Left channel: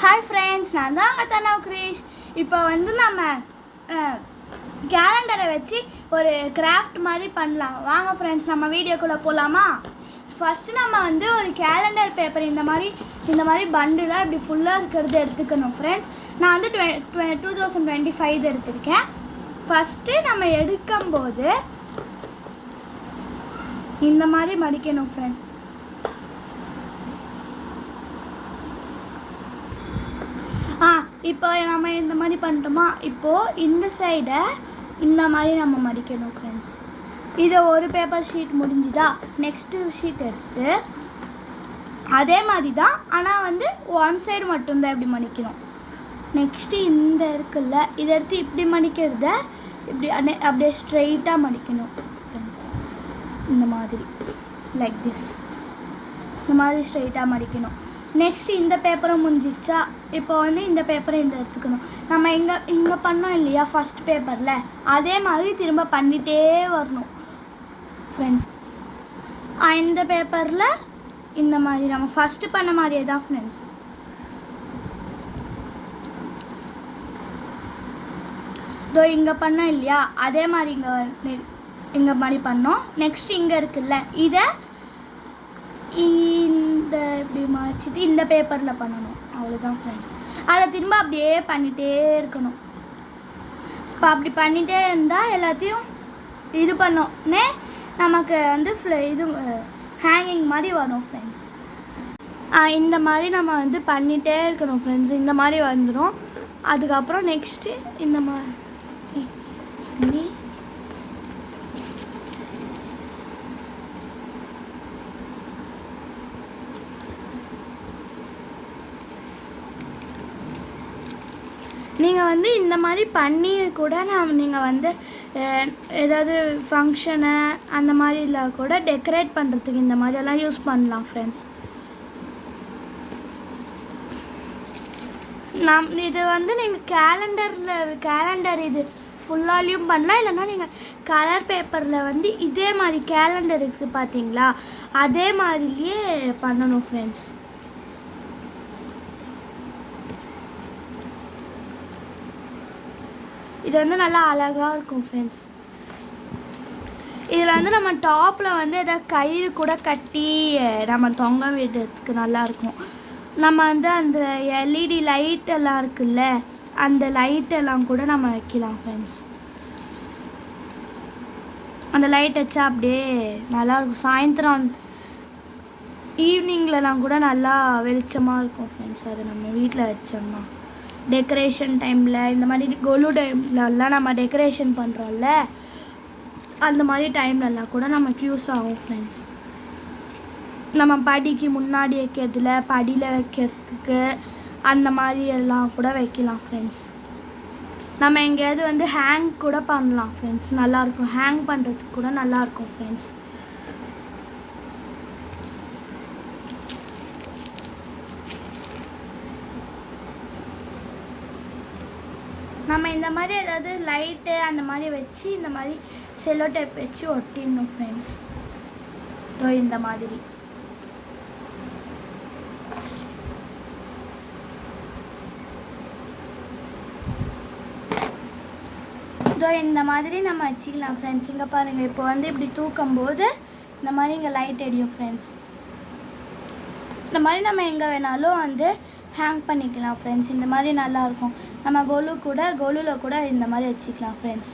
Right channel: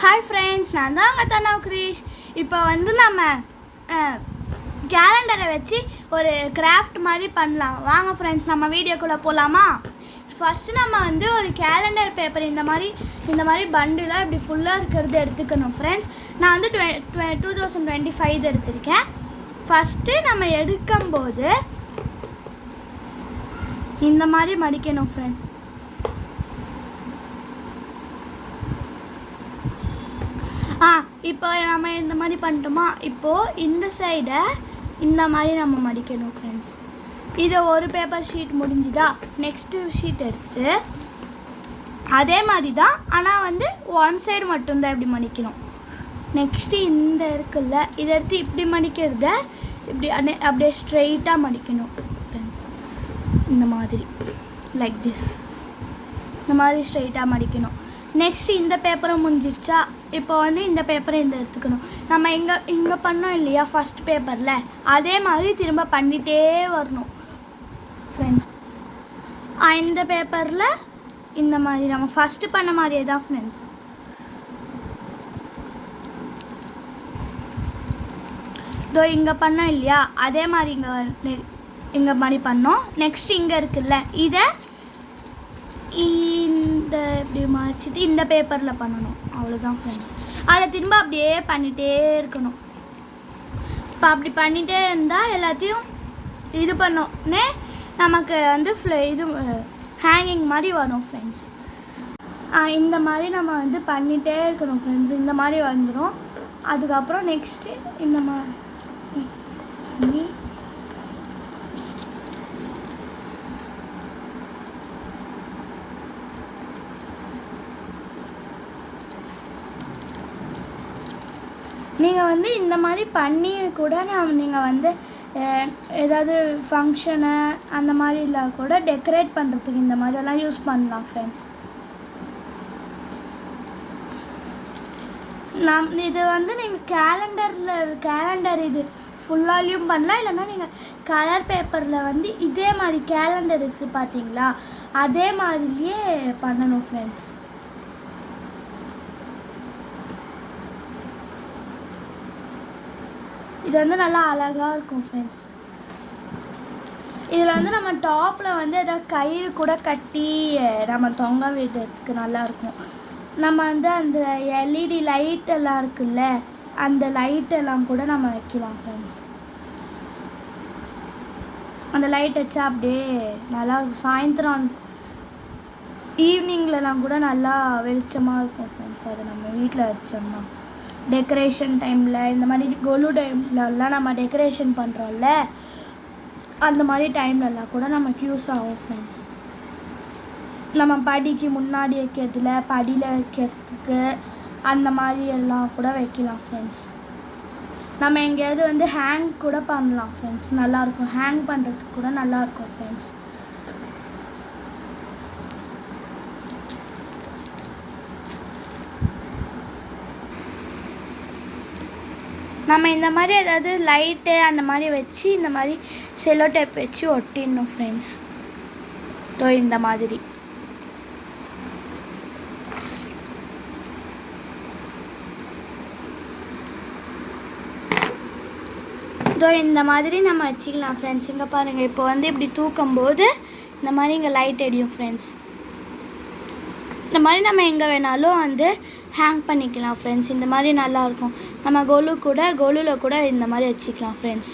Hi friends, நான் தான் தனா கிரீஷ். இப்போ நம்ம கேலண்டரை வச்சு ஒரு கிராஃப்ட் மாதிரி பண்ணலாம். வாங்க ஃப்ரெண்ட்ஸ், நம்ம வீடியோக்குள்ளே போகலாமா? ஃபஸ்ட்டு நம்ம ஒரு கேலண்டர் பேப்பர் இந்த மாதிரி பண்டிலாக இப்படி ஃபுல்லாக இருக்கிறது எடுத்துக்கணும் ஃப்ரெண்ட்ஸ். நான் 2025 எடுத்திருக்கேன். ஃபஸ்ட்டு நம்ம எடுக்கும்போது இந்த மாதிரி மடிக்கணும் ஃப்ரெண்ட்ஸ். இப்போ நம்ம இந்த மாதிரி பண்ணிட்டோமா? இப்போது இந்த சைடை இந்த மாதிரி நம்ம மடிக்கணும் ஃப்ரெண்ட்ஸ். இதை ஒரு பேப்பர் ஷீட் முடிஞ்சுதா, நெக்ஸ்ட்டு ஷீட் எடுத்து அதே மாதிரி தான், ஆனால் ஒன் சைடு மட்டும்தான் இப்படி மடிக்கணும். நெக்ஸ்ட்டு இந்த இருக்குல்ல, இதை எடுத்து இப்படி மடிக்கிறத இப்படி அப்படியே ஸ்ட்ரெயிட்டாக மடிக்கணும் ஃப்ரெண்ட்ஸ். இந்த மாதிரி லைக் திஸ், இந்த மாதிரி ஸ்ட்ரெயிட்டாக மடிக்கணும். நெக்ஸ்ட்டு இந்த பேப்பரும் முடிஞ்சிடுச்சா? இப்போ இந்த பேப்பரை எடுத்துக்கணும். நம்ம இங்கே பண்ணோம் இல்லையா ஃபஸ்ட் பேப்பரில், அதே மாதிரி திரும்ப பண்ணிகிட்டே வரணும் ஃப்ரெண்ட்ஸ். இந்த பேப்பரில் இந்த மாதிரி நம்ம ஃபஸ்ட்டு பண்ண மாதிரியே தான் ஃப்ரெண்ட்ஸ். இதோ இங்கே பண்ணோம் இல்லையா, அதே மாதிரி இங்கே மாதிரி பண்ணோம். நெக்ஸ்ட்டு இங்கே இருக்குல்ல, இதை இந்த இப்படி மடிச்சிட்டு இந்த பேப்பரில் பண்ணணும். அவ்வளோதான் ஃப்ரெண்ட்ஸ். அதை திரும்ப அப்படியே பண்ணிகிட்டே இருக்கணும். இப்போ அப்படி பண்ணிகிட்டே இருந்தால் எல்லாத்தையும் இது பண்ணோன்னே நமக்கு இது ஹேங்கிங் மாதிரி வரும் ஃப்ரெண்ட்ஸ். இந்த மாதிரி நம்ம பண்ணிகிட்டே இருக்கணும் ஃப்ரெண்ட்ஸ். இந்த மாதிரி வந்துடும். அதுக்கப்புறம் நெக்ஸ்ட்டு இந்த மாதிரி நீங்கள் இந்த மாதிரி பண்ணி கூட நீங்கள் ஏதாவது ஃபங்க்ஷனு அந்த மாதிரிலாம் கூட டெக்கரேட் பண்ணுறதுக்கு இந்த மாதிரியெல்லாம் யூஸ் பண்ணலாம் ஃப்ரெண்ட்ஸ். இது நீங்கள் கேலண்டர் இது ஃபுல்லாலையும் பண்ணலாம். இல்லைன்னா நீங்கள் கலர் பேப்பரில் இதே மாதிரி கேலண்டர் இருக்குது பார்த்தீங்களா, அதே மாதிரியே பண்ணணும் ஃப்ரெண்ட்ஸ். இது நல்லா அழகாக இருக்கும் ஃப்ரெண்ட்ஸ். இதில் நம்ம டாப்பில் ஏதாவது கயிறு கூட கட்டி நம்ம தொங்க விடுறதுக்கு நல்லாயிருக்கும். நம்ம அந்த எல்இடி லைட் எல்லாம் இருக்குல்ல, அந்த லைட்டெல்லாம் கூட நம்ம வைக்கலாம் ஃப்ரெண்ட்ஸ். அந்த லைட் வச்சா அப்படியே நல்லாயிருக்கும். சாயந்தரம் ஈவினிங்லலாம் கூட நல்லா வெளிச்சமாக இருக்கும் ஃப்ரெண்ட்ஸ். அதை நம்ம வீட்டில் வச்சோம்னா டெக்கரேஷன் டைமில், இந்த மாதிரி கொலு டைம்லலாம் நம்ம டெக்கரேஷன் பண்ணுறோம்ல, அந்த மாதிரி டைம்லலாம் கூட நமக்கு யூஸ் ஆகும் ஃப்ரெண்ட்ஸ். நம்ம படிக்கு முன்னாடி வைக்கிறதுல, படியில் வைக்கிறதுக்கு அந்த மாதிரி எல்லாம் கூட வைக்கலாம் ஃப்ரெண்ட்ஸ். நம்ம எங்கேயாவது ஹேங் கூட பண்ணலாம் ஃப்ரெண்ட்ஸ். நல்லாயிருக்கும், ஹேங் பண்ணுறதுக்கு கூட நல்லாயிருக்கும் ஃப்ரெண்ட்ஸ். நம்ம இந்த மாதிரி ஏதாவது லைட்டு அந்த மாதிரி வச்சு இந்த மாதிரி செல்லோ டேப் வச்சு ஒட்டிடணும் ஃப்ரெண்ட்ஸ். இந்த மாதிரி இந்த மாதிரி நம்ம வச்சுக்கலாம் ஃப்ரெண்ட்ஸ். இங்கே பாருங்கள், இப்போ இப்படி தூக்கும்போது இந்த மாதிரி இங்கே லைட் எரியும் ஃப்ரெண்ட்ஸ். இந்த மாதிரி நம்ம எங்கே வேணாலும் ஹேங் பண்ணிக்கலாம் ஃப்ரெண்ட்ஸ். இந்த மாதிரி நல்லாயிருக்கும். நம்ம கொலுவில் கூட இந்த மாதிரி வச்சுக்கலாம் ஃப்ரெண்ட்ஸ்.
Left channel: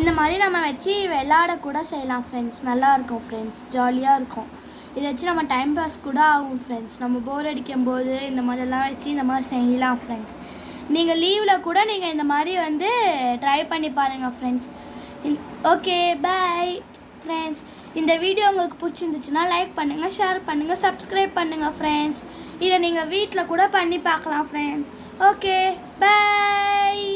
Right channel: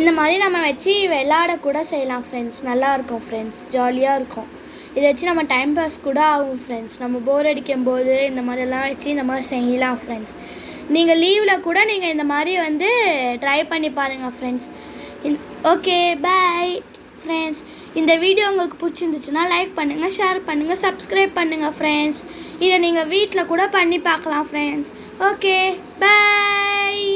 இந்த மாதிரி நம்ம வச்சு விளையாட கூட செய்யலாம் ஃப்ரெண்ட்ஸ். நல்லாயிருக்கும் ஃப்ரெண்ட்ஸ், ஜாலியாக இருக்கும். இதை வச்சு நம்ம டைம் பாஸ் கூட ஆகும் ஃப்ரெண்ட்ஸ். நம்ம போர் அடிக்கும் போது இந்த மாதிரிலாம் வச்சு இந்த மாதிரி செய்யலாம் ஃப்ரெண்ட்ஸ். நீங்கள் லீவில் கூட நீங்கள் இந்த மாதிரி ட்ரை பண்ணி பாருங்கள் ஃப்ரெண்ட்ஸ். Okay, bye friends. இந்த வீடியோ உங்களுக்கு பிடிச்சிருந்துச்சுன்னா லைக் பண்ணுங்கள், ஷேர் பண்ணுங்கள், சப்ஸ்கிரைப் பண்ணுங்கள் ஃப்ரெண்ட்ஸ். இதை நீங்கள் வீட்டில் கூட பண்ணி பார்க்கலாம் ஃப்ரெண்ட்ஸ். ஓகே, பாய்.